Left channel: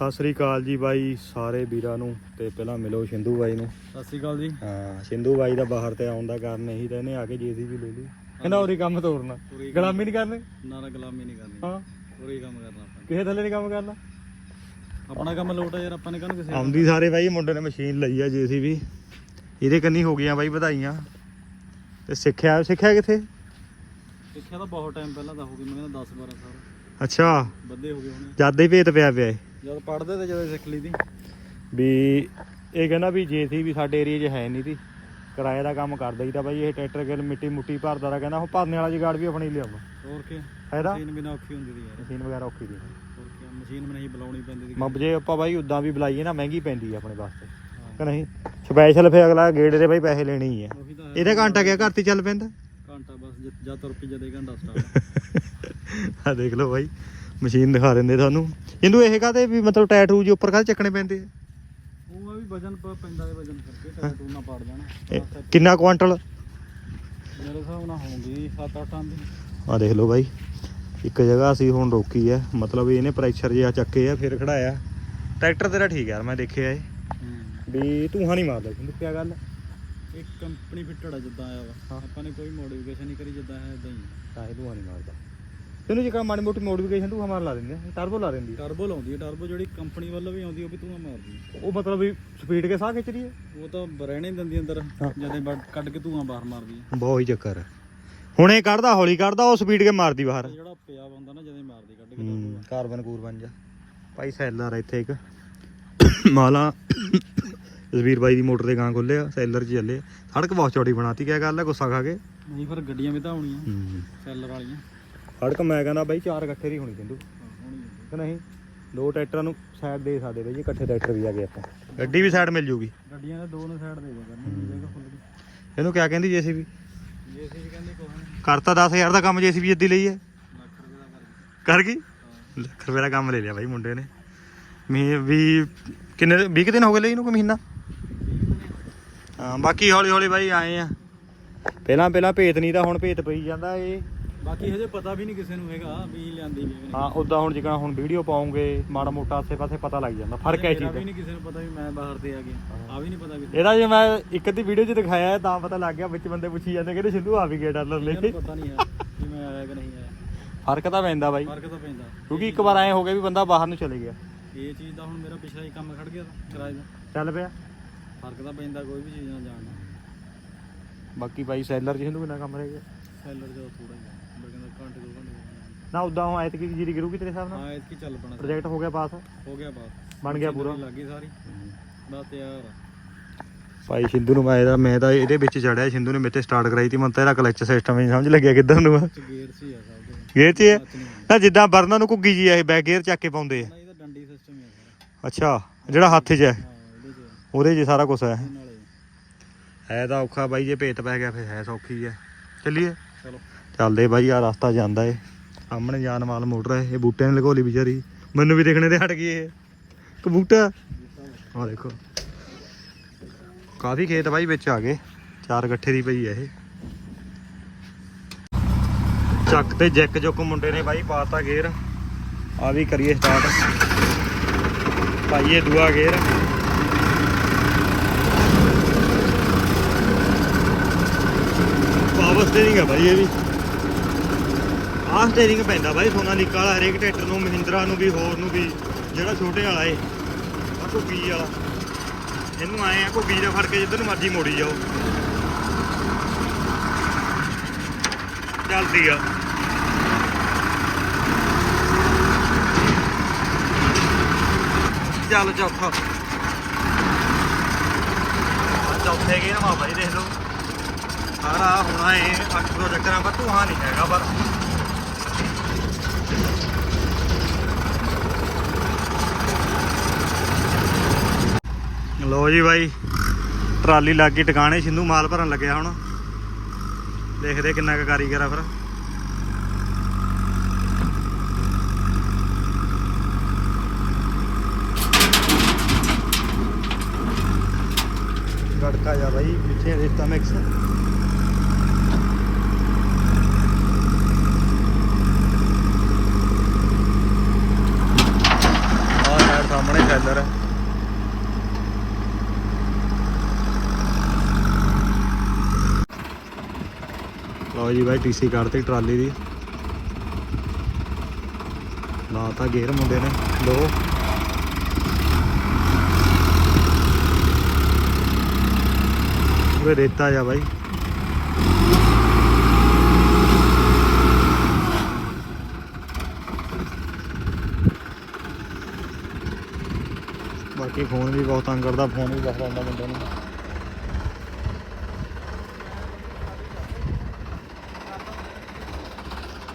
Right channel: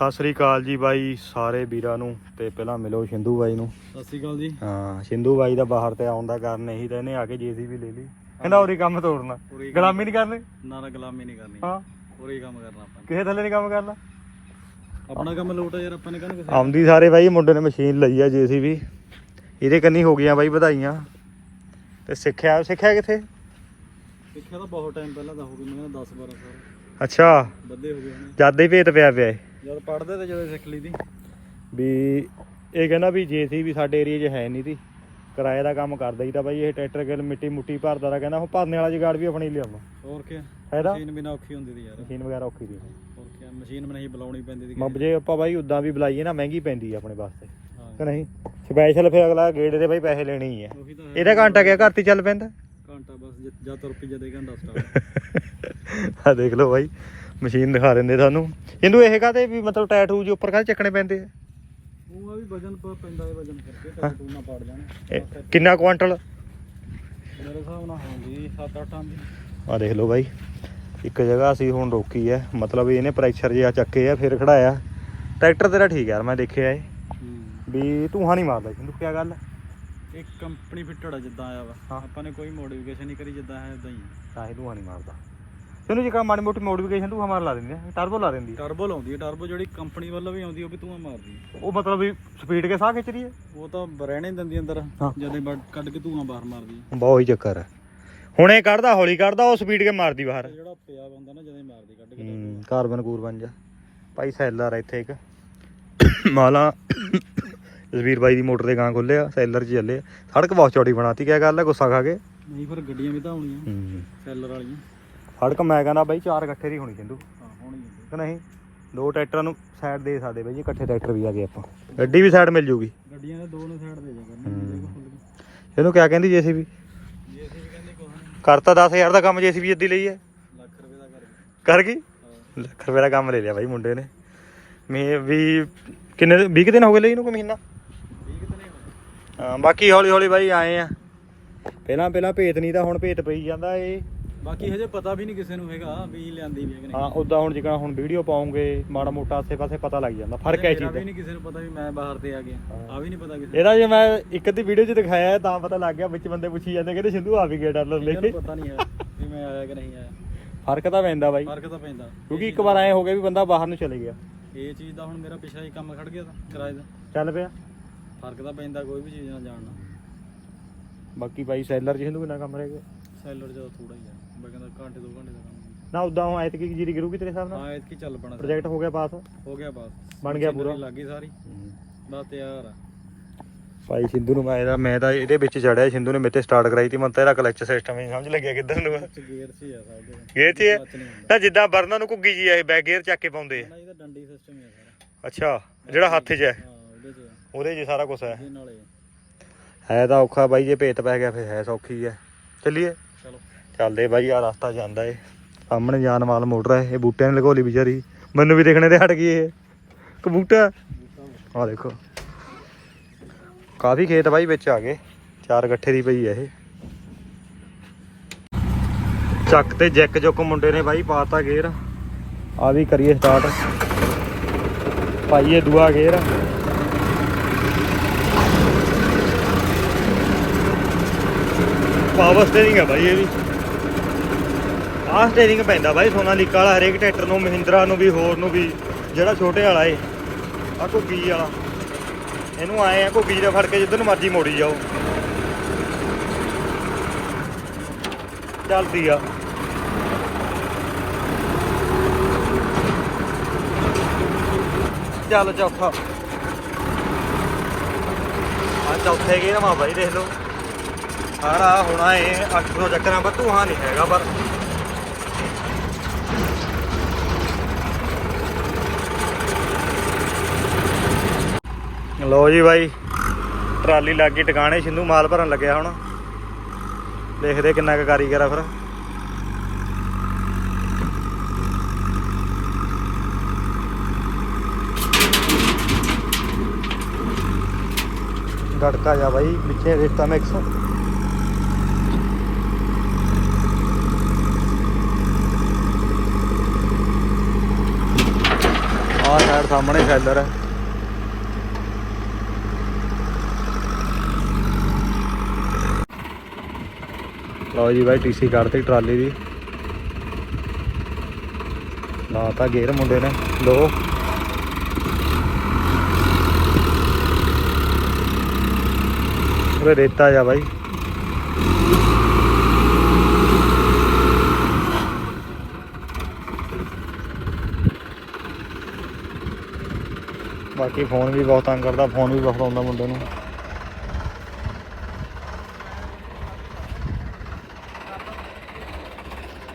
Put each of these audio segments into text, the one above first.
ਸਤਿ ਸ੍ਰੀ ਅਕਾਲ ਜੀ ਬਾਈ ਸਾਰੇ ਵੀਰਾਂ ਨੂੰ ਤੇ ਪਹਿਲਾਂ ਮਿਲੋ ਸਿੰਧੂ ਬਾਈ ਨੂੰ। ਸਤਿ ਸ਼੍ਰੀ ਅਕਾਲ ਜੀ। ਹਾਂ ਸਿੰਧੂ ਬਾਈ ਦਾ ਬਾਹਰ ਤੇ ਆਉਣ ਦਾ ਕਾਰਨ ਇਹੀ ਤਾਂ ਇਹਨੇ ਆ ਕੇ ਜੀਸੀਬੀ ਲੈ ਲਈ। ਕਹਿੰਦਾ ਉਰੀ ਕੰਮ ਤੋੜਨਾ। ਉਰੀ ਗੁਲਾਮੀ ਨਹੀਂ ਕਰਨੀ? ਨਾ ਨਾ ਗੁਲਾਮੀ ਨਹੀਂ ਕਰਨੀ। ਹਾਂ। ਹੀ ਕੰਮ ਕਰਨਾ ਆਪਾਂ। ਕਿਸੇ ਥੱਲੇ ਨਹੀਂ ਕੰਮ ਕਰਨਾ? ਆਪਣਾ ਕੰਮ ਲੋਟ ਯਾਰ ਆਪਾਂ ਨੇ ਕਹਿੰਦਾ ਕਿਸੇ ਆਉਂਦੀ ਸਾਰੇ ਬਾਈ ਮੁੰਡੇ ਨੇ ਮਸ਼ੀਨ ਲਈ ਆ ਜੀਸੀਬੀ। ਇਹਦੇ ਕੰਨੀ ਹੋ ਗਈਆਂ ਬਾਈ ਵਧਾਈਆਂ। ਤੇ ਸਿੱਖਿਆ ਸਿੱਖਿਆ ਕਿੱਥੇ? ਸਿੱਖਿਆ ਤਾਂ ਬਹੁਤ ਟਾਈਮ ਪਹਿਲਾਂ ਦਾ ਹੋ ਗਈ ਮੈਂ ਕਹਿੰਦਾ 10 12 ਸਾਲ। ਅੱਛਾ। ਵੱਧੇ ਹੋ ਗਏ ਹੁਣ। ਜਦ ਹੀ ਭੇਤ ਪਿਆ ਪਿਆ। ਜਦ ਪੜਦੇ ਤੇ ਜਦੋਂ ਸਿੱਖ ਲਈ ਦੀ। ਵੀ ਇਹ ਕਹਿੰਦਾ ਵੀ ਜੀਸੀਬੀ ਸਾਡੇ ਏਰੀਆ 'ਚ ਹੈ ਨਹੀਂ ਤੀ ਕਿਰਾਏ ਦਾ ਕੰਮ ਕਰਦਾ ਹੀ ਤਾਂ ਬਾਈ ਇਹ ਟਰੈਕਟਰ ਗਿਲ ਮਿੱਟੀ ਮੁੱਟੀ ਭਰਦਾ ਦਾ ਕਹਿੰਦਾ ਹੁਣ ਭਰਨੇ ਵਾਲਾ ਜਗਾੜ ਵੀ ਆਪਣੀ ਲਿਆਉਣਾ ਹੋਰ ਕੀ ਫਾਇਦਾ ਮਸ਼ੀਨ ਬਿਨਾ ਔਖੀ ਹੁੰਦੀ ਦੀ ਯਾਰ। ਮਸ਼ੀਨ ਵਗੈਰਾ ਔਖੀ ਦੀ ਹੋਰ ਕੀ ਮਸ਼ੀਨ ਵੀ ਨਹੀਂ ਬੁਲਾਉਣੀ ਪੈਂਦੀ ਦੀ ਮੱਬ ਜੇ ਆਪਾਂ ਬਾਈ ਉਦਾਂ ਵੀ ਬੁਲਾਈਏ ਨਾ ਮਹਿੰਗੀ ਪੈਂਦੀ ਆ ਆਪਣੇ ਵਾਸਤੇ। ਕਿ ਨਹੀਂ? ਸਪੈਸ਼ਲ ਫੇ ਅਗਲਾ ਗੇੜ ਦੇ ਬਾਈ ਪੈਸੇ ਲੈਣੇ ਹੀ ਆ। ਉਹੀ। ਇਹਦਾ ਘੰਟਾ ਗਿਆ ਘਰ ਤੇ ਚੱਲ ਪੈਂਦਾ? ਘੰਟਾ ਬਸ ਜਦ- ਤੁਰ ਪਈ ਜਦ ਘੰਟਾ ਸਟਾਰਟ ਆ ਦੇਖ ਲਓ ਬਾਈ। ਮਸ਼ੀਨ ਦਿਖਾ ਦਿੰਦੇ ਤੁਹਾਨੂੰ। ਇਹਨੂੰ ਇਹ ਕਾਤੇ ਵੀ ਮਤਲਬ ਟੈਟੂ ਜੀ ਉੱਪਰ ਕਾਹਦੇ ਚੱਕਣੇ ਪੈਂਦੇ ਆ? ਉਹ ਆ ਵੀ ਵਜਨ ਪ- ਪੈਂਦਾ ਹੈ ਵਜਨ ਕਰਕੇ ਤੇ ਤੂੰ ਨਾ ਪਾੜ ਜਾਣਾ ਇਹ ਕਿੰਨਾ ਕੁਆਂਟਲ? ਮੇਰੇ ਹਿਸਾਬ ਨਾਲ ਹੁੰਦੀ 7-8 ਟਨ ਦੀ ਆ ਦੇਖ ਲਓ ਬਾਈ ਇੱਕ ਜਗ੍ਹਾ ਅਸੀਂ ਹੁਣ ਰੋਕੀ ਹੈ ਮਤਲਬ ਇਹਨੇ ਪ੍ਰੈਸ਼ਰ ਜਿਹਾ ਚੱਕੇ ਆ ਫਿਰ ਖੜਾਇਆ। ਟਰੈਕਟਰ ਤੇਰਾ ਠੀਕ ਯਾਰ ਮੈਂ ਦੇਖਿਆ ਏ। ਵੀ ਧੂਆਂ ਨਹੀਂ ਮਾਰਦਾ ਸਿੰਧੂ ਕੀ ਗੱਲ? ਇੱਕ ਕੰਪਨੀ ਫਿੱਟੜ ਆ ਜਿੱਦਾਂ ਆਇਆ ਵਾ। ਆਪਾਂ ਨੇ ਕੋਈ ਮੋਡੀਫਿਕੇਸ਼ਨ ਨਹੀਂ ਕਰੀ ਜਿੱਦਾਂ ਹੈ ਇਦਾਂ ਹੀ। ਤਾਂ ਇਹ ਧੂਆਂ ਨਹੀਂ ਮਾਰਦਾ। ਤੈਨੂੰ ਜੇ ਕਾ ਮਾੜੀ ਮੋਟੀ ਮੋਡੀਫਿਕੇਸ਼ਨ ਧੂਆਂ ਮਾਰ ਲਾ ਦਿੰਦੇ ਆ ਟਰਬੋ ਲਾ ਦਿੰਦੀ। ਟਰਬੋ ਲਾਉਂਦੀ ਹੈ ਟਰਬੋ ਜਿਹੜੀ ਕੰਪਨੀ ਵੱਲੋਂ ਵੀ ਆਉਂਦੀ ਉਹ ਵੀ ਧੂਆਂ ਮਾਰਦੀ ਹੈ ਉਹ ਮਤਲਬ ਵੀ ਸਪੀਡ ਕੇ ਸਾਹ ਖਿੱਚ ਰਹੀ ਹੈ ਉਹ ਤਾਂ ਰਹਿਣੇ ਦਿੰਦੀ ਅੰਦਰ ਹਾਂ। ਜਦੇ ਕੱਢ ਕੇ ਧੂਆਂ ਬਾਹਰ ਮਾਰਦੀ ਹੈ ਬਹੁਤ ਹੀ ਚੱਕਰ ਹੈ ਹੁਣ ਇਹ ਕੱਢਦਾ ਹੌਲੀ ਕੱਢਦਾ ਉਹ ਸਪੀਡ ਕੇ ਮਾਰਦੀ ਬਾਹਰ। ਤੇ ਜਿਹੜਾ ਪਿਆ ਹੁੰਦਾ ਨਾ ਜਦੇ ਮਾਰਦੀ ਕੱਢ ਕੇ ਹੂੰ ਕਾਰਬਨ ਕੂਰਬਨ ਜਾ। ਭਾਈ ਸੈਲਰ ਆ ਇੱਥੇ ਇੱਕ। ਮਾਲਾ ਜਸਵੀਰ ਬਾਈ ਦੀ ਮੋਟਰ ਦੇ ਗਾਂ ਖੋਲਿਆ ਸੈਲਰ 'ਚ ਚੱਲੇ ਆ। ਸੜਕ ਬਹੁਤ ਚੌੜੀ ਬਣਾਤੀ ਕਿਆ ਗੱਲ ਹੈ ਗੁੱਸਾ ਖਾ ਕੇ। ਨਹੀਂ ਫਿਰ ਗੱਡੀਆਂ ਵੀ ਤਾਂ ਆਉਣੀਆਂ। ਹੂੰ। ਸੈਲਰ ਵਾਲੀਆਂ। ਸੜਕ ਮੈਂ ਕਹਿੰਦਾ ਬਾਈ ਚਾਰ ਇਕੱਠੇ ਦੀ ਹੋਣੀ ਸਿੰਧੂ। ਹਾਂ ਹੋਣੀਆਂ ਕਿ ਨਹੀਂ? ਦੋ ਟਰੈਕਟਰਾਂ ਨੂੰ ਸਾਈਡ ਦੇ ਸਕਦੇ ਬਾਈ ਜੀ ਇਕੱਠੇ ਟਰੈਕਟਰ ਵੀ ਆ ਗਏ ਆਪਾਂ। ਗੱਡੀ ਵੀ ਸਾਈਡ ਮਿਲ ਜੂਗੀ। ਗੱਡੀਆਂ ਦੇ ਦੋ ਨੇ ਸਾਈਡ ਦੇ ਜਾ ਕਰਨੀ ਜਗ੍ਹਾ ਇਹਨੂੰ ਕਿਆ ਕਹਿੰਦੀ ਜੇਸੀਬੀ? ਜੇ ਅਸੀਂ ਵੀ ਕਹਿੰਦੇ ਕੋਈ ਨਹੀਂ, ਕਰਤਾ 10000 ਦਾ ਕੰਮ ਜੇਸੀਬੀ ਜੱਦੀ ਲਈ ਹੈ। ਲੱਖ ਰੁਪਏ ਦਾ ਕਰ ਗਈ। ਕਰ ਗਈ? ਲੱਖ ਰੁਪਏ ਦਾ ਕੰਮ ਲੈ ਲਿਆ ਬਾਈ ਮੁੰਡੇ ਨੇ। ਮੈਂ ਵੀ ਕਿੰਨੇ 20 ਕੁ ਦਿਨ ਹੋ ਗਏ ਲਈ ਇਹਨੂੰ ਕੋਈ ਮਹੀਨਾ? ਹਾਂ ਬਾਕੀ ਹੌਲੀ ਹੌਲੀ ਬਾਈ ਆਏ ਆ। ਪਹਿਲਾਂ ਪਹਿਲਾਂ ਭੇਤ ਨਹੀਂ ਤਾਂ ਹੁਣ ਭੇਤ ਪਈ ਜਾਂਦਾ ਇਹ ਬਾਕੀ ਹਜੇ ਪਤਾ ਵੀ ਨਹੀਂ ਕਿਸੇ ਨੂੰ ਹੈਗਾ ਵੀ ਲਿਆਂਦੀ ਵੀ ਹੈ ਕਿ ਨਹੀਂ। ਹਾਂ ਉਦਾਂ ਹੁਣ ਜਿਕਾ ਹੁਣ ਵੀਡੀਓ ਪਾਉਂਗੇ ਮਾੜਾ ਮੋਟਾ ਆਸੇ ਪਾਸੇ ਪਤਾ ਲੱਗ ਜਾਂਦਾ ਫ਼ਰਕ ਹੈ ਚੀਜ਼ ਵੀ ਦਾ ਨਹੀਂ ਕਿਸੇ ਨੂੰ ਪਤਾ ਵੀ ਮੈਂ ਬਾਹਰ ਤੇ ਆ ਗਿਆ। ਆ ਵੀ ਨਹੀਂ ਪਤਾ ਕਿਸੇ ਇਹਦਾ ਜੇ ਮੈਂ ਇੱਕ ਅੱਧੀ ਵੀਡੀਓ 'ਚ ਦਿਖਾਇਆ ਤਾਂ ਪਤਾ ਲੱਗ ਗਿਆ ਵਿੱਚ ਬੰਦੇ ਪੁੱਛੀ ਜਾਂਦੇ ਕਹਿੰਦੇ ਸਿੰਧੂ ਆ ਵੀ ਗਿਆ ਡਾਲਰ ਲੈ ਕੇ। ਪਤਾ ਨਹੀਂ ਹੈ ਵੀ ਮੈਂ ਆਇਆ ਕਿ ਨਹੀਂ ਆਇਆ। ਫ਼ਰਕ ਤਾਂ ਪੈਂਦਾ ਬਾਈ। ਫ਼ਰਕ ਤਾਂ ਪੈਂਦਾ। ਕਿਉਂਕਿ ਇੱਕ ਵਾਰ ਐ ਹੋ ਗਿਆ ਵੀ ਬੰਦਾ ਬਾਹਰ ਨੂੰ ਚਲੇ ਗਿਆ। ਇਹ ਚੀਜ਼ ਦਾ ਹੁਣ ਮੇਰਾ ਪਿਛਲਾ ਹੀ ਕੰਮ ਖੜ ਗਿਆ ਤਾਂ ਕਿਰਾਏ ਦਾ। ਚੱਲ ਪਿਆ। ਫ਼ਰਕ ਤਾਂ ਪੈਂਦਾ ਕੋਈ ਵੀ ਚੀਜ਼ ਨਾਲ ਜਾਣਨਾ ਬਾਕੀ ਬਾਈ ਸੈਲਰ ਸਿੰਧੂ ਕਿੰਨਾ ਕੰਮ ਰਹਿ ਗਿਆ? ਸੈਲਰ ਜਦੋਂ ਥੋੜਾ ਹੀ ਆ। ਮੈਂ ਕਹਿੰਦਾ ਘੰਟੇ ਦੋ ਘੰਟੇ ਦਾ ਕੰਮ ਨਾ ਉਦਾਂ ਹੁਣ ਐਤਕੀ ਜੀਰੀ ਗਿਰੂਗੀ ਤੇਰੇ ਹਿਸਾਬ ਨਾਲ? ਹਾਂ ਚੱਲ ਪਣਾ ਪ੍ਰੋਜੈਕਟ ਹੋ ਗਿਆ ਪਾਸ? ਹੋ ਗਿਆ ਬਾਤ ਬਣ ਗਿਆ ਪੂਰਾ? ਲੱਗ ਸਾਰੀ। ਬਸ ਤਿਆਰ ਆ। ਭਾਈ ਸਿੰਧੂ ਨੂੰ ਮੈਂ ਇਹਦਾ ਮੈਂ ਤਾਂ ਇਹਦੇ ਵਿੱਚ ਚੜਿਆ। ਸਿੰਧੂ ਨੇ ਮੇਤੇ ਸਟਾਰਟ ਕਰਾਈ ਤੀ। ਮੈਨੂੰ ਤਾਂ ਇਹਦਾ ਕਲਚ ਸਿਸਟਮ ਨਹੀਂ ਸਮਝ ਲੱਗਿਆ ਕਿੱਧਰ ਨੂੰ ਆ। ਚ ਗੇਅਰ ਸੀ ਆ ਸਭ ਦੇ। ਇਹ ਤੇ ਲੱਤ ਨਹੀਂ ਹੁੰਦਾ। ਨਾ ਜਿੱਦਾਂ ਬਰਨਾਂ ਨੂੰ ਘੁੱਗੀ ਜੀ ਆ ਇਹ ਬੈਕ ਗੇਅਰ ਚੱਕ ਕੇ ਪਾਉਂਦੇ ਆ। ਨਾ ਇਹਦਾ ਡੰਡੀ ਸਿਸਟਮ ਹੀ ਆ ਸਾਰਾ। ਅੱਛਾ ਜਿਹੜਾ ਹੱਥ 'ਚ ਹੈ ਹਾਂ ਉਹਦੇ ਚ ਆ। ਉਹਦੇ 'ਚ ਸਾਰਾ ਕੁਝ ਹੈ ਇਹਦੇ ਨਾਲੇ ਆ। ਹੈ ਤਾਂ ਔਖਾ ਬਾਈ ਜੇ ਭੇਤ ਪੈ ਗਿਆ ਫਿਰ ਹੈ ਸੌਖੀ ਹੈ ਚੱਲੀਏ। ਚਲੋ। ਚੱਲਦੇ ਬਾਈ ਆ ਰਸਤਾ ਜਾਂਦਾ ਏ। ਸਾਹਮਣੇ ਜਾਨ ਵਾਲ ਮੋਟਰ ਹੈ, ਇਹ ਬੂਟਿਆਂ ਨੇ ਲਗੋਲੀ ਵਿਚਾਰੀ। ਮੈਨੂੰ ਵੀ ਦੇਖਣੇ ਤੇ ਹਟ ਗਈ ਇਹ। ਕਬੂਟਾ ਆ ਦੇਖੋ। ਕਾਫੀ ਖੇਤ ਬਾਈ ਵਿੱਚ ਆ ਗਏ। ਚਾਰ ਗੱਠੇ ਦੀ ਪਈ ਹੈ ਇਹ। ਚੱਕ ਤੇ ਜੈਕ ਜੁੱਕ ਮੁੰਡੇ ਨੇ ਬਾਈ ਪਾਤਾ ਗੇਅਰ। ਆ ਵੀ ਕਰੀਏ ਸਟਾਰਟ ਪਾਈਏ ਦੂਆ ਗੇਅਰ। ਪਾਵਰ ਸਟੀਅਰਿੰਗ ਹੈ ਬਾਈ ਇਹ ਵੀ। ਆਹ ਸਟੀਅਰਿੰਗ ਪੈਂਦਾ ਬਾਈ ਸੋਨਾਲੀਕਾ ਵਾਲਾ ਹਰੇਕ ਟਰੈਕਟਰ ਨੂੰ, ਮਹਿੰਦਰਾ ਨੂੰ ਵੀ, ਹੋਰ ਨੂੰ ਵੀ, ਜਿਹੜਾ ਛੋਟੇ ਵਾਲਾ ਏ, ਆ ਘੁੱਗੀ ਵਾਲਾ। ਇਹਨੂੰ ਆਏ ਆ ਘੁੱਗੀ ਦਾ ਫੜ ਕੇ ਜਿੱਧਰ ਨੂੰ ਮਰਜ਼ੀ ਮੋੜੀ ਜਾਓ। ਚੱਲਦੀ ਆ। ਚੱਲ ਚੌਥਾ। ਆ ਚੌਥੇ ਗਏ ਨਾ ਬਾਈ, ਦੇਖ ਲਓ। ਸਾਰਾ ਹੋਣਾ ਏ 800 ਚੱਕਰਾਂ, ਪਰ ਤੂੰ ਹਾਂ ਨਹੀਂ ਹੈਗਾ, ਪਰ ਲੋ ਜੀ ਬਾਈ, ਟਰਾਲੀ ਲੱਗ ਗਈ, ਟਿਕਾਣੇ ਸਿੰਧੂ ਮਾਲ ਭਰਨ ਲੱਗਿਆ ਹੁਣ। ਦੇਖਦੇ ਕਿੰਨਾ ਕੁ ਕਾਰੀਗਰ ਆ ਫਿਰ। ਗੜਕਾ ਜਾ ਬਾਈ, ਪਿੱਛੇ ਰੇਤਾ ਮਿਕਸ ਆ ਯਾਰ, ਸਾਹਮਣੇ ਟ੍ਰੈਲਰ ਹੈ ਲਓ ਜੀ ਬਾਈ ਟੀਸੀ ਕੱਢਤੀ ਟਰਾਲੀ ਦੀ। ਲਾਤਾ ਗੇਰ ਮੁੰਡੇ ਨੇ ਲੋ ਉਹ ਰੇਤਾ ਜਾ ਬਾਈ। ਬਾਕੀ ਫੋਨ ਵੀ ਬਹੁਤ ਤੰਗ ਕਰਦਾ, ਫੋਨ ਵੀ ਬਹੁਤ ਆਉਂਦਾ ਮੁੰਡੇ ਨੂੰ।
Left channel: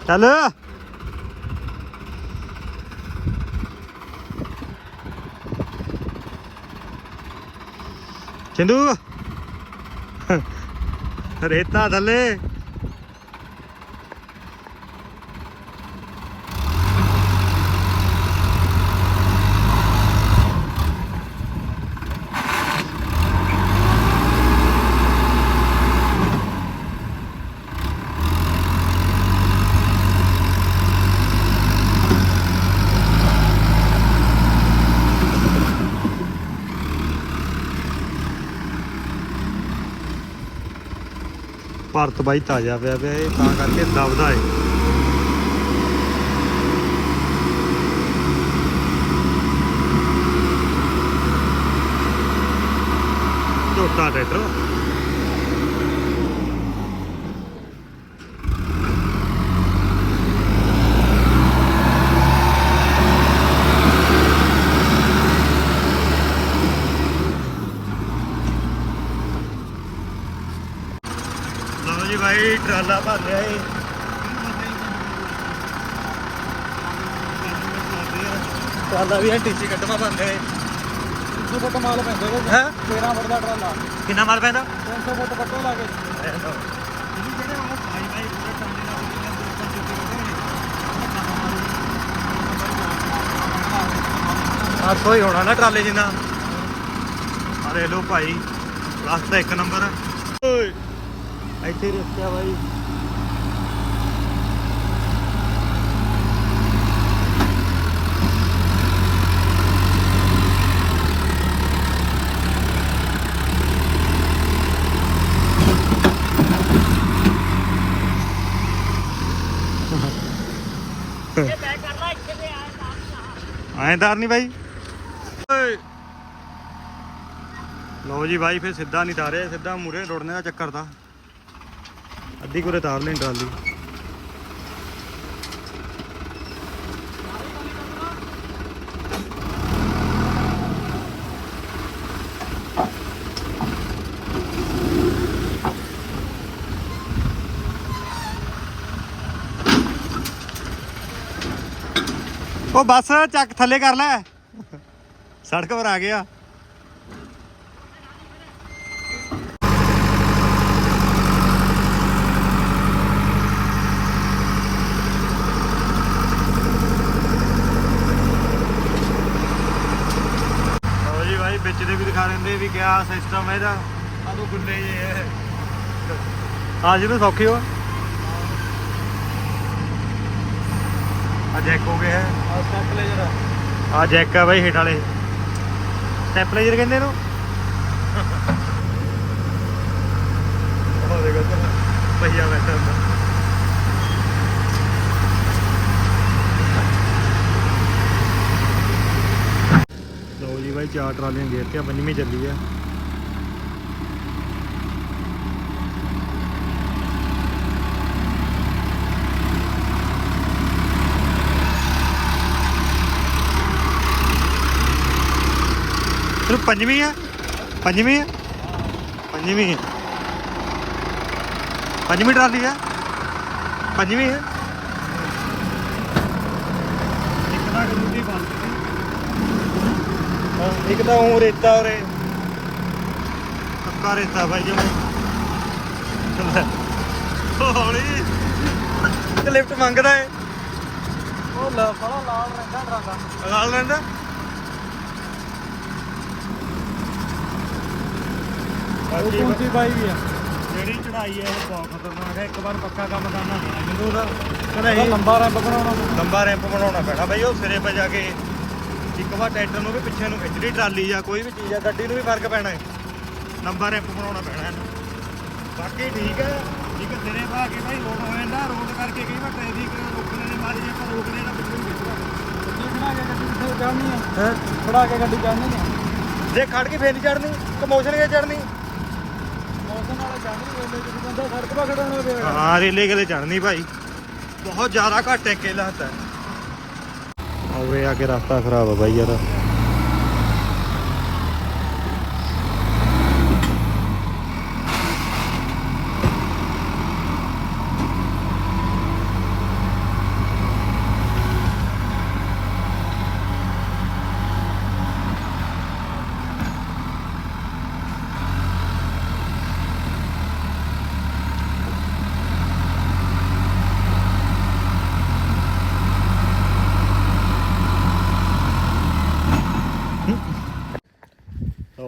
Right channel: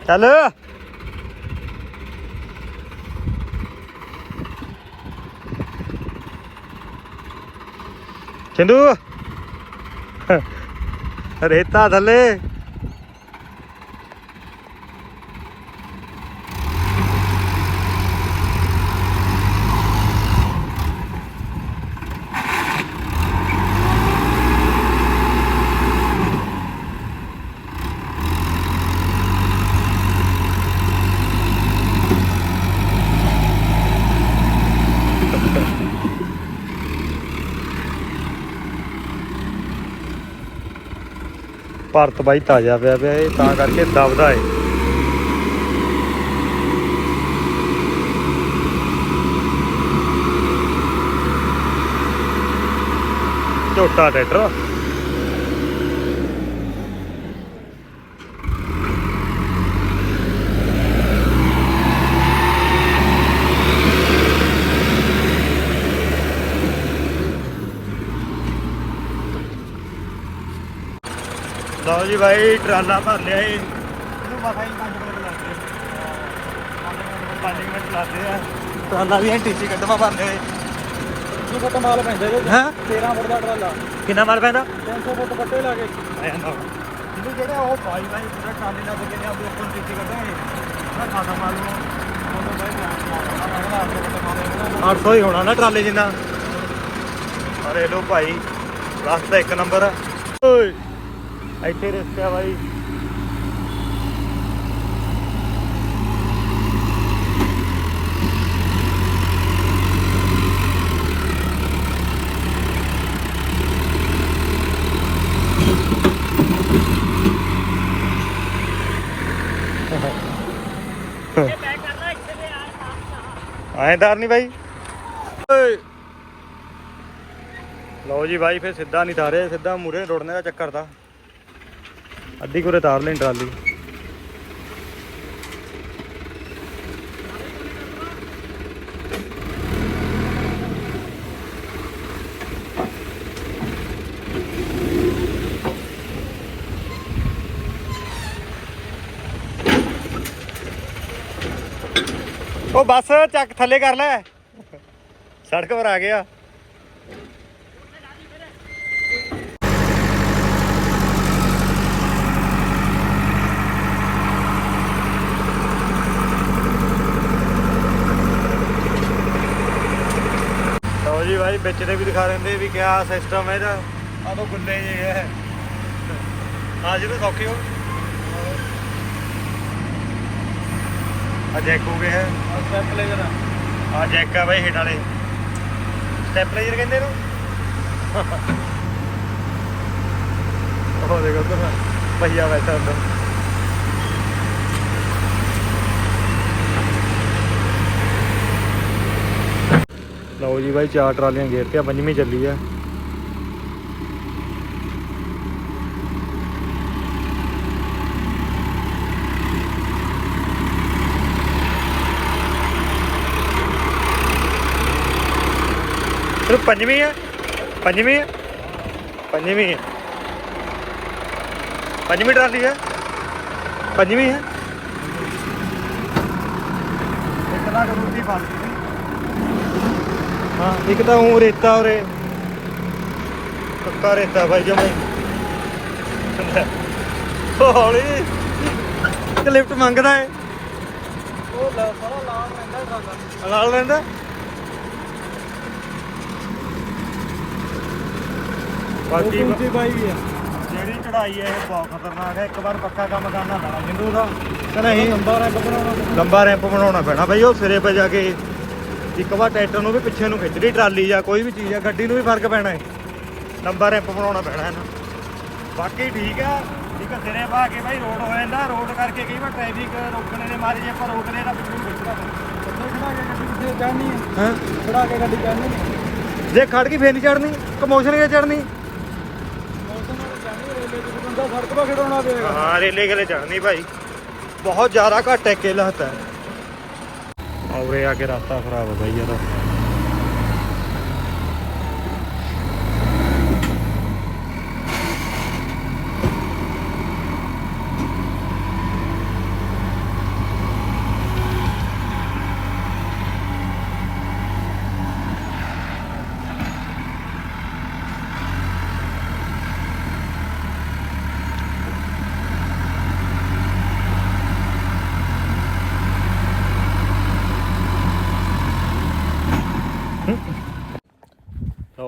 ਚੱਲ। ਚੰਦੂ ਰੇਤਾ ਥੱਲੇ। ਭਾਰਤ ਬਾਈ ਤਾਜ਼ਾ ਪਿਆ ਪਿਆ ਇਹ ਤਾਂ ਕਰਕੇ ਦਬਦਾ ਏ ਝੋਟਾ ਟਰੈਕਟਰ ਲਓ ਜੀ ਬਾਈ ਟਰਾਲਾ ਭਰ ਲਿਆ ਜੀ। ਇਹਨੂੰ ਮਸਾ ਹੀ 5 ਮਿੰਟ ਲੱਗਦੇ 5 ਮਿੰਟ ਲੱਗਦੇ ਆ। ਟਰਾਲਾ ਵੀ ਹੈ ਟੀਸੀ ਕੱਢਵਾ ਭਰ ਲਿਆ ਉਹ ਫੁੱਟ ਮਾਲ ਪੈਂਦੇ ਵਿੱਚ ਹਾਂ? 13 ਫੁੱਟ ਦਾ ਟਰਾਲਾ। ਕਿੰਨਾ ਮਾਲ ਪੈਂਦਾ? 300 ਫੁੱਟ ਕੱਟੇ ਲਾ ਕੇ। ਇਹਨੂੰ ਜਿਹੜੇ ਉਹ ਭਾਈ ਭਾਈ ਪੂਰੇ ਟਰਾਲੇ ਨਾਲ ਕਿੰਨੇ ਉਹਦੇ ਉੱਪਰ ਟੀਸੀ ਕੱਢਾਂਗੇ ਨਾ। ਖਾਣਾ ਮਾਲ ਨੂੰ 800 ਹੀ ਹੋਣਾ ਨਾ ਟਰਾਲੇ ਜਿੰਨਾ। ਅਰੇ ਲੋ ਭਾਈ ਰਸਤਾ ਇੱਕ ਨੰਬਰ। ਓਏ। ਇੱਥੇ ਰਸਤਾ ਬਾਈ ਆਏਦਾਰ ਨਹੀਂ ਬਾਈ ਓਏ ਲਓ ਜੀ ਬਾਈ ਫੇ ਸਿੱਧਾ ਨਹੀਂ ਤਾਰੇ ਸਿੱਧਾ ਮੂਰੇ ਰੋੜਨੇ ਦਾ ਚੱਕਰ ਤਾਂ ਅੱਧੀ ਕੁਰੇ ਤਾਰ ਲੈਣ ਟਰਾਲੀ। ਉਹ ਬੱਸ ਚੱਕ ਥੱਲੇ ਕਰ ਲੈ। ਸੜਕ ਪਰ ਆ ਗਿਆ ਲਓ ਜੀ ਭਾਈ ਵਿੱਚ ਦੇ ਵੀ ਦਿਖਾ ਦਿੰਦੇ ਵੀ ਕਿਆ ਸਿਸਟਮ ਹੈ ਇਹਦਾ। ਆ ਤੋਂ ਗੁੱਲੇ ਜੇ ਹੈ ਆ ਜਿਹਨੂੰ ਸੌਖੀ ਹੋ। ਆ ਜੈਕ ਹੋ ਗਿਆ। ਹੈ ਸਟੈਪਲੇਜਰ ਆ ਜੈਕ ਆ ਬਾਈ ਹਿੱਟ ਵਾਲੇ। ਸਟੈਪਲਾਈਜ਼ਰ ਕਹਿੰਦੇ ਇਹਨੂੰ। ਉਹ ਦੇਖੋ ਤਾਂ ਭਈਆ ਬੈਠਾ ਹੁੰਦਾ। ਲਓ ਜੀ ਬਾਈ, ਚਾਰ ਟਰਾਲੀਆਂ ਗੇਰ ਤੇ ਪੰਜਵੀਂ ਚੱਲੀ ਆ। ਫਿਰ ਪੰਜਵੀਂ ਆ ਪੰਜਵੀਂ ਆ ਪੰਜਵੀਂ ਆ। ਪੰਜਵੀਂ ਟਰਾਲੀ ਆ, ਪੰਜਵੀਂ ਆ। ਇੱਕ ਤਾਂ ਕਰੂੰਦੀ ਫਸ ਗਈ ਇੱਕ ਤਾਂ ਉਹ ਰੇਤਾ ਉਰੇ। ਕੱਕਾ ਰੇਤਾ ਬਾਈ ਜਮੇ ਹੌਲੀ। ਇੱਕ ਲਿਫਟ ਮੰਗਦਾ ਹੈ ਉਹ ਲਾ ਸਾਲਾ ਲਾਭ ਰਹਿੰਦਾ ਨਾਲ ਰਹਿੰਦਾ? ਬਾਕੀ ਪਾਈ ਵੀ ਆ। ਜਿਹੜੀ ਚੜਾਈ ਹੈ ਇਹ ਬਹੁਤ ਖਤਰਨਾਕ ਹੈ ਇੱਕ ਵਾਰ ਪੱਕਾ ਕੰਮ ਕਰਨਾ ਪੈਣਾ ਜਿੰਦੂ ਦਾ ਲੰਬਾ ਰੈਂਪ ਬਣਾਉਣਾ। ਲੰਬਾ ਰੈਂਪ ਬਣਾਉਣਾ ਪੈਣਾ। ਬਈ ਉਹ ਸਿਰੇ 'ਤੇ ਜਾ ਕੇ ਇੱਕ ਵਾਰ ਟਰੈਕਟਰ ਨੂੰ ਵੀ ਪਿੱਛੇ ਨੂੰ ਖਿੱਚਦੀ ਟਰਾਲੀ ਜਾਂ ਕੋਈ ਵੀ ਚੀਜ਼ ਆ ਗੱਡੀ ਨੂੰ ਵੀ ਫ਼ਰਕ ਪੈਣਾ ਹੈ। ਲੰਬਾ ਰੈਂਪ ਬਣਾਉਣਾ ਪੈਣਾ ਇਹਨੂੰ ਬਾਕੀ ਠੀਕ ਆ ਠੀਕ ਆ ਸਿਰੇ ਪਾ ਕੇ ਭਾਈ ਰੋਡ ਹੋ ਜਾਂਦਾ ਰੋਡ ਕਰਕੇ ਕਈ ਵਾਰ ਟ੍ਰੈਫਿਕ ਰੋਕਣੇ ਦੇ ਮਾਰੇ ਜੇ ਆਪਾਂ ਰੋਕਦੇ ਆ ਤਾਂ ਪਿੱਛੇ ਨੂੰ ਖਿੱਚਦਾ ਕਿੱਥੇ ਖੜਾ ਕੇ ਗੱਡੀ ਕਿੱਥੇ ਚੜਨੀ ਹੈ ਹਾਂ। ਖੜਾ ਕੇ ਗੱਡੀ ਚੜਨੀ ਨਹੀਂ ਜੇ ਖੜ ਗਈ ਫੇਰ ਨਹੀਂ ਚੜਨੀ ਕਮੋਸ਼ਨ ਇਹ ਚੜਨੀ ਮੌਸਮ ਵਾਲਾ ਜਾਣੀ ਰੇਲੇ ਤੇ ਬੰਦਾ ਸੜਕ 'ਤੇ ਖੜਾਉਣਾ ਪਵੇਗਾ। ਹਾਂ ਰੇਲੇ ਗਲੇ ਚੜਨੀ ਭਾਈ। ਬਹੁਤ ਜ਼ਿਆਦਾ ਘੱਟ ਹੈ ਕੇਲਾ ਹੱਤਾ ਔਰੇ ਆ ਕੇ ਰਸਤਾ ਖਰਾਬ ਹੈ ਬਾਈ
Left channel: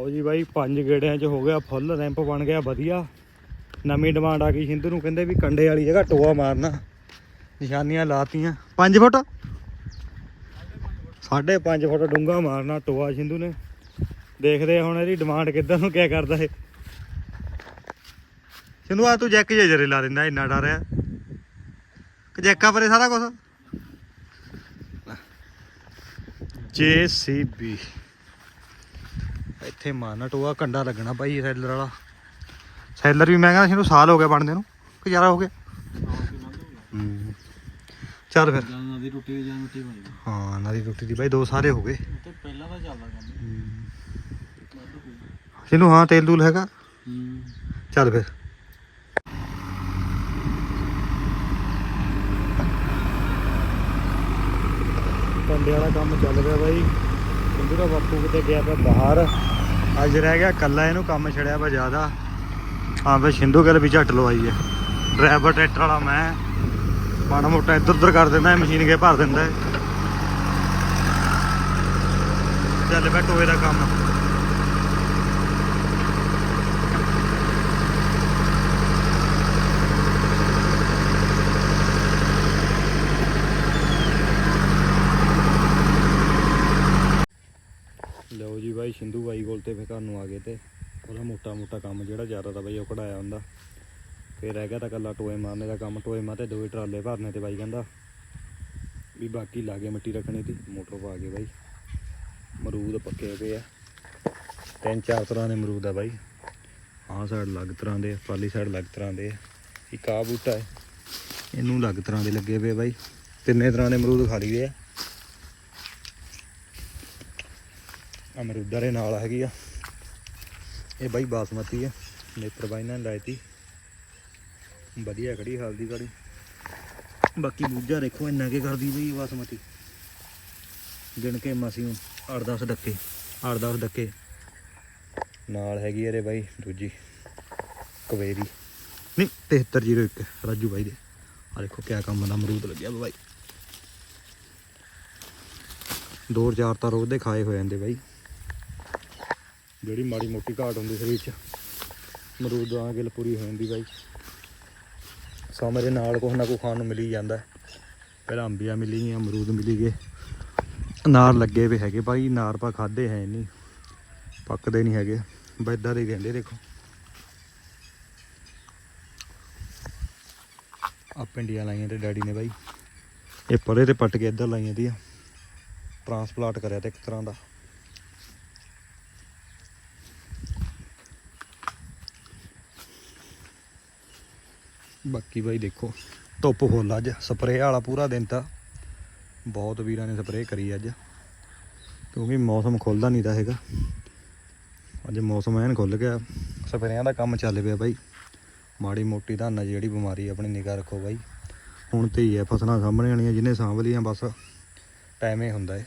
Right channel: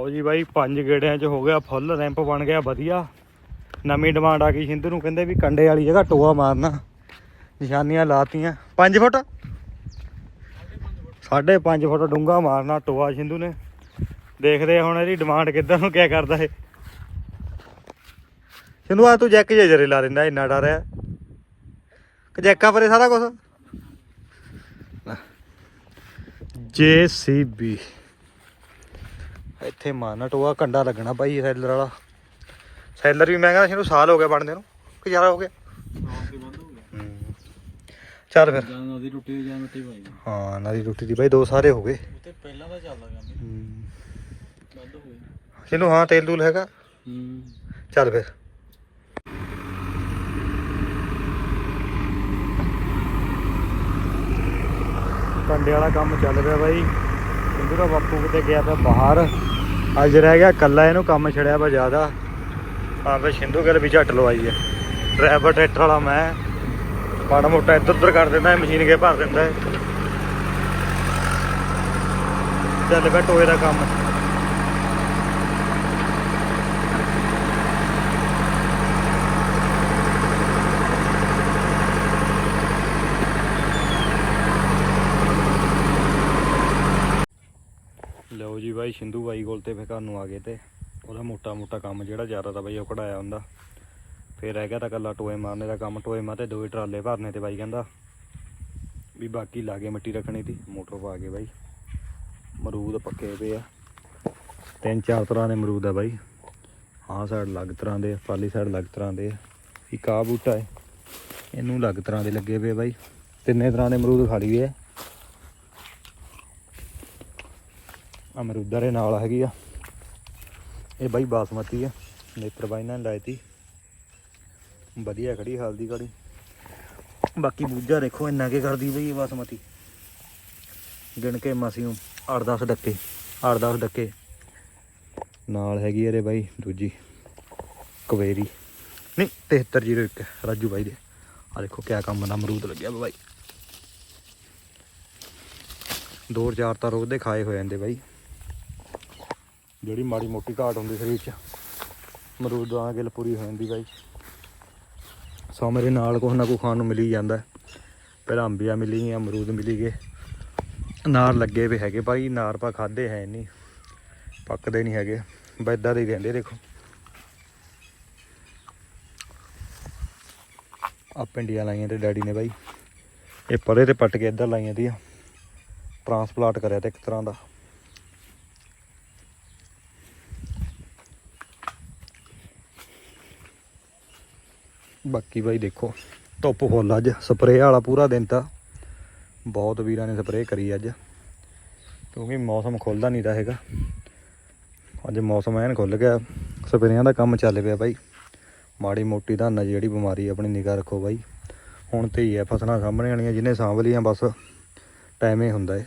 ਲਓ ਜੀ ਬਾਈ, ਪੰਜ ਗੇੜਿਆਂ 'ਚ ਹੋ ਗਿਆ ਫੁੱਲ ਰੈਂਪ ਬਣ ਗਿਆ, ਵਧੀਆ। ਨਵੀਂ ਡਿਮਾਂਡ ਆ ਗਈ। ਸਿੰਧੂ ਨੂੰ ਕਹਿੰਦੇ ਵੀ ਕੰਡੇ ਵਾਲੀ ਜਗ੍ਹਾ ਟੋਆ ਮਾਰਨਾ। ਨਿਸ਼ਾਨੀਆਂ ਲਾਤੀਆਂ। 5 ਫੁੱਟ? 5.5 ਫੁੱਟ ਡੂੰਗਾ ਮਾਰਨਾ ਟੋਆ ਸਿੰਧੂ ਨੇ। ਦੇਖਦੇ ਹੁਣ ਇਹਦੀ ਡਿਮਾਂਡ ਕਿੱਦਾਂ ਨੂੰ ਕਿਆ ਕਰਦਾ ਏ ਸਿੰਧੂ, ਆ ਤੂੰ ਜੈਕ ਜੇ ਜਰੇ ਲਾ ਦਿੰਦਾ, ਇੰਨਾ ਡਰ ਆ। ਜੈਕਾਂ ਪਰੇ ਸਾਰਾ ਕੁਝ ਜੇਸੀਬੀ। ਇੱਥੇ ਮਾਰਨਾ ਟੋਆ ਕੰਡਾ ਲੱਗਣਾ ਭਾਈ ਸੈਲਰ ਵਾਲਾ। ਸੈਲਰ ਵੀ ਮੈਂ ਕਹਿੰਦਾ ਇਹਨੂੰ ਸਾਲ ਹੋ ਗਿਆ ਬਣਦੇ ਨੂੰ ਕਿ ਜ਼ਿਆਦਾ ਹੋ ਗਿਆ? ਹੂੰ। ਚੱਲ ਫਿਰ। ਜਾਂ ਨਦੀ ਟੁੱਟੀ ਜਾਂ ਮਿੱਟੀ ਪਾਈ ਹਾਂ ਨਾਲੀ ਰੋਟੀ ਦੀ ਬਾਈ ਦੋ ਸਾਰੇ ਹੋ ਗਏ। ਤੇ ਪਹਿਲਾਂ ਤਾਂ ਚੱਲਦਾ ਕਹਿੰਦੇ ਹੂੰ। ਵੱਧ ਹੋਊ ਇਹਨੂੰ ਹਾਂ ਤੇਲ ਦੂਲ ਹੈਗਾ। ਹੂੰ। ਚੱਲ ਫਿਰ। ਕੰਡੇ ਵਾਲਾ ਕੰਮ ਚੱਲ ਰਿਹਾ ਬਾਈ। ਸਿੰਧੂ ਦਾ ਬਾਪੂ ਕਿਤੇ ਗਿਆ ਪਿਆ ਬਾਹਰ। ਅੱਜ ਰਹਿ ਗਿਆ ਕੱਲਾ ਇਹਨੂੰ ਕੰਮ ਛੜਿਆ ਵਾ ਜ਼ਿਆਦਾ। ਹਾਂ ਬਈ ਸਿੰਧੂ ਗੱਲ ਵੀ ਝੱਟ ਲਵਾਈ ਹੈ ਡਰਾਈਵਰ, ਟਰੈਕਟਰ ਵਾਲਾ ਮੈਂ। ਮਾੜਾ ਮੋਟਾ ਇੱਧਰ ਉੱਧਰ ਕਰ ਦਿੰਦਾ ਮਸ਼ੀਨ ਕੇ ਭਰ ਦਿੰਦਾ। ਚੱਲ ਪਿਆ ਟੋਏ ਦਾ ਕੰਮ ਲਓ ਜੀ ਬਾਈ ਸਿੰਧੂ ਬਾਈ ਕੋਲ ਤੇ ਫਿਰ ਘਰ ਨੂੰ ਆ ਗਏ ਤੇ ਉਹਦਾ ਮੋਟਾ ਮੋਟਾ ਕੰਮ ਜਿਹੜਾ ਜ਼ਿਆਦਾ ਤਾਂ ਬਾਈ ਉਹ ਕਢਾਇਆ ਹੁੰਦਾ। ਫਿਰ ਰਹਿ ਗਿਆ ਤਾਂ ਕੱਲਾ ਟੋਏ ਮਾਰਨੇ ਦਾ ਕੰਮ ਟੋਏ ਮਾ ਤੇ ਦੋਏ ਟਰਾਲੇ ਭਰਨੇ ਤੇ ਬਾਈ ਕਹਿੰਦਾ ਵੀ ਬਾਕੀ ਲਾਗੇ ਮਿੱਟੀ ਰੱਖਣੀ ਤੀ ਮੋਟਰ ਪਾ ਕੇ ਬਾਈ। ਮਰੂਦ ਪੱਕੇ ਪਏ ਆ। ਤਿੰਨ ਚਾਰ ਤਰ੍ਹਾਂ ਦੇ ਮਰੂਦ ਆ ਬਾਈ। ਆਹ ਸਾਈਡ ਅਲੱਗ ਤਰ੍ਹਾਂ ਦੇ ਆ, ਪਾਲੀ ਸਾਈਡ ਅਲੱਗ ਤਰ੍ਹਾਂ ਦੇ ਇੱਕ ਆਹ ਬੂਟਾ ਹੈ ਇਹਨੂੰ ਅਲੱਗ ਤਰ੍ਹਾਂ ਦੇ ਲੱਗੇ ਪਏ ਬਾਈ। ਤਿੰਨੇ ਤਰ੍ਹਾਂ ਦੇ ਅਮਰੂਦ ਖਾ ਲਈਏ ਅਮਰੂਦਾਂ ਦੇ ਨਾਲ ਹੈਗੀ ਆ। ਇਹ ਬਾਈ ਬਾਸਮਤੀ ਆ, ਨੇਤਰ ਬਾਈ ਨੇ ਲਾਈ ਤੀ। ਵਧੀਆ ਖੜੀ, ਹਲਦੀ ਕੜੀ ਬਾਕੀ ਬੂਝਾ ਦੇਖੋ ਇੰਨਾ ਕੇ ਕਰਦੀ ਬਈ ਬਾਸਮਤੀ। ਗਿਣ ਕੇ ਮਾਸੀਓ 8-10 ਡੱਕੇ 8-10 ਡੱਕੇ। ਨਾਲ ਹੈਗੀ ਇਹਦੇ ਬਾਈ ਦੂਜੀ ਕਵੇਰੀ ਨਹੀਂ 7301 ਰਾਜੂ ਬਾਈ ਦੇ। ਆ ਦੇਖੋ ਕਿਆ ਕੰਮ ਦਾ ਅਮਰੂਦ ਲੱਗਿਆ ਵਾ ਬਾਈ। ਦੋ ਚਾਰ ਤਾਂ ਰੋਜ਼ ਦੇ ਖਾਏ ਹੋ ਜਾਂਦੇ ਬਾਈ। ਜਿਹੜੀ ਮਾੜੀ ਮੋਟੀ ਘਾਟ ਹੁੰਦੀ ਸਰੀਰ 'ਚ ਅਮਰੂਦ ਦਾ ਗਿਲ ਪੂਰੀ ਹੋ ਜਾਂਦੀ ਬਾਈ। ਸੋ ਮੇਰੇ ਨਾਲ ਕੁਛ ਨਾ ਕੁਛ ਖਾਣ ਨੂੰ ਮਿਲੀ ਜਾਂਦਾ ਹੈ। ਪਹਿਲਾਂ ਅੰਬੀਆਂ ਮਿਲੀ ਗਈਆਂ, ਅਮਰੂਦ ਮਿਲੀ ਗਏ। ਅਨਾਰ ਲੱਗੇ ਵੀ ਹੈਗੇ ਭਾਈ ਅਨਾਰ ਪਾ ਖਾਦੇ ਹੈ ਨਹੀਂ, ਪੱਕਦੇ ਨਹੀਂ ਹੈਗੇ। ਬੈਦਾਂ ਦੇ ਹੀ ਰਹਿੰਦੇ ਦੇਖੋ। ਆ ਪਿੰਡੀਆਂ ਲਾਈਆਂ ਤੇ ਡੈਡੀ ਨੇ ਬਾਈ। ਇਹ ਪਰੇ ਤੇ ਪੱਟ ਕੇ ਇੱਧਰ ਲਾਈਆਂ ਦੀਆਂ। ਟਰਾਂਸਪਲਾਂਟ ਕਰਿਆ ਤੇ ਇੱਕ ਤਰ੍ਹਾਂ ਦਾ। ਬਾਕੀ ਬਾਈ ਦੇਖੋ, ਧੁੱਪ ਫੁੱਲ ਅੱਜ ਸਪਰੇਅ ਵਾਲਾ ਪੂਰਾ ਦਿਨ ਤਾਂ। ਬਹੁਤ ਵੀਰਾਂ ਨੇ ਸਪਰੇਅ ਕਰੀ ਅੱਜ। ਕਿਉਂਕਿ ਮੌਸਮ ਖੁੱਲਦਾ ਨਹੀਂ ਤਾਂ ਹੈਗਾ। ਅੱਜ ਮੌਸਮ ਐਨ ਖੁੱਲ ਗਿਆ। ਸਪਰੇਆਂ ਦਾ ਕੰਮ ਚੱਲ ਪਿਆ ਬਾਈ। ਮਾੜੀ ਮੋਟੀ ਤਾਂ ਨਾ ਜਿਹੜੀ ਬਿਮਾਰੀ ਆਪਣੀ ਨਿਗਾਹ ਰੱਖੋ ਬਾਈ। ਹੁਣ ਤੇ ਹੀ ਆ ਫਸਲਾਂ ਸਾਂਭਣੇ ਵਾਲੀਆਂ ਜਿਹਨੇ ਸਾਂਭ ਲਈਆਂ ਬਸ। ਟਾਈਮ ਹੀ ਹੁੰਦਾ ਹੈ